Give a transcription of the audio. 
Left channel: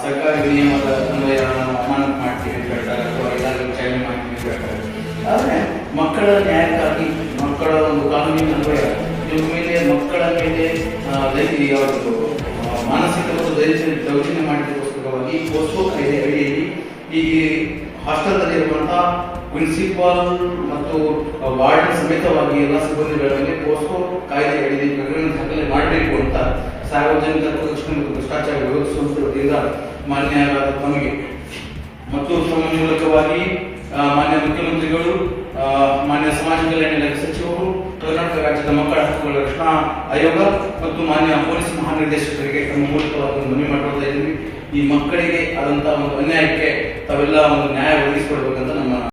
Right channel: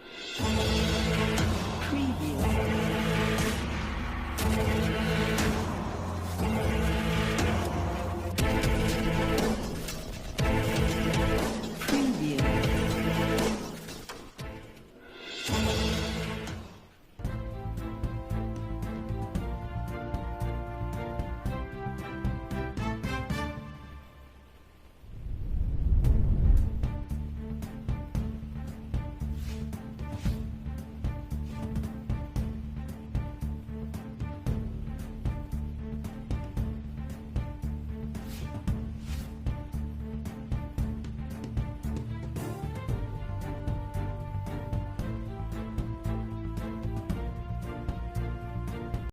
ಸರ್ಕಾರ ವಿನಿಯಮದ ಅಮಾನತು ಮಾಡ್ತೀವಿ ಅಂತ ಮಾಡ್ತೀವಿ ಅಂತ ಮಕ್ಕಳ ನ್ಯಾಯಕ್ಕಾಗಿ ಮಕ್ಕಳ ಒಂದು ಕಾನೂನಿನ ಅನ್ವಯ ಮೇಲೆ ಮಕ್ಕಳ ಮೇಲೆ ಅವರದ್ದು ಮಾನಸಿಕ ಮತ್ತು ದೈಹಿಕ ದೌರ್ಜನ್ಯ ಮಾಡಿದ್ದಕ್ಕೋಸ್ಕರವಾಗಿ ಪೋಸ್ಕೋ ಕಾಯ್ದೆ ಅಡಿಯಲ್ಲಿ ಈ ಹಾಸ್ಟೆಲ್ನಲ್ಲಿರುವಂತಹ ಪ್ರಿನ್ಸಿಪಾಲ್ ಮತ್ತು ವಾರ್ಡ್ ಸಮೇತವಾಗಿ ಎಲ್ಲ ಸಿಬ್ಬಂದಿಗಳ ಮೇಲೆ ಪೋಸ್ಕೋ ಕಾಯ್ದೆ ಅಡಿಯಲ್ಲಿ ಪ್ರಕರಣ ದಾಖಲೆ ಮಾಡಬೇಕು ಅಂತ ಸಾರ್ವಜನಿಕ ಮತ್ತು ಭ್ರಷ್ಟಾಚಾರ ವಿರೋಧಿಸುವುದರಿಂದ ವತಿಯಿಂದ ತಮಗೆ. ಮತ್ತು ಮೂಲಕವಾಗಿ ಮಾನ್ಯ ಮುಖ್ಯಮಂತ್ರಿಗಳು ಮಾನ್ಯ ಸಮಾಜ ಕಲ್ಯಾಣ ಇಲಾಖೆ ಸಚಿವರು, ಕರ್ನಾಟಕ ರಾಜ್ಯದ ಮಕ್ಕಳ ಹಕ್ಕುಗಳ ರಕ್ಷಣಾ ಆಯೋಗ ಮತ್ತು ಮಾನ್ಯ ಪೊಲೀಸ್ ಮಹಾನಿರ್ದೇಶಕರಿಗೆ ತಮ್ಮ ಮೂಲಕವಾಗಿ ಮನವಿ ಮಾಡ್ತಾ ಇದ್ದೀವಿ ಈ ಮಕ್ಕಳಿಗೆ ಆದಂತಹ ಒಂದು ಅನ್ಯಾಯಕ್ಕೆ ತಾವೆಲ್ಲ ಒಂದು ನ್ಯಾಯ ಒದಗಿಸಿಕೊಡ್ಬೇಕು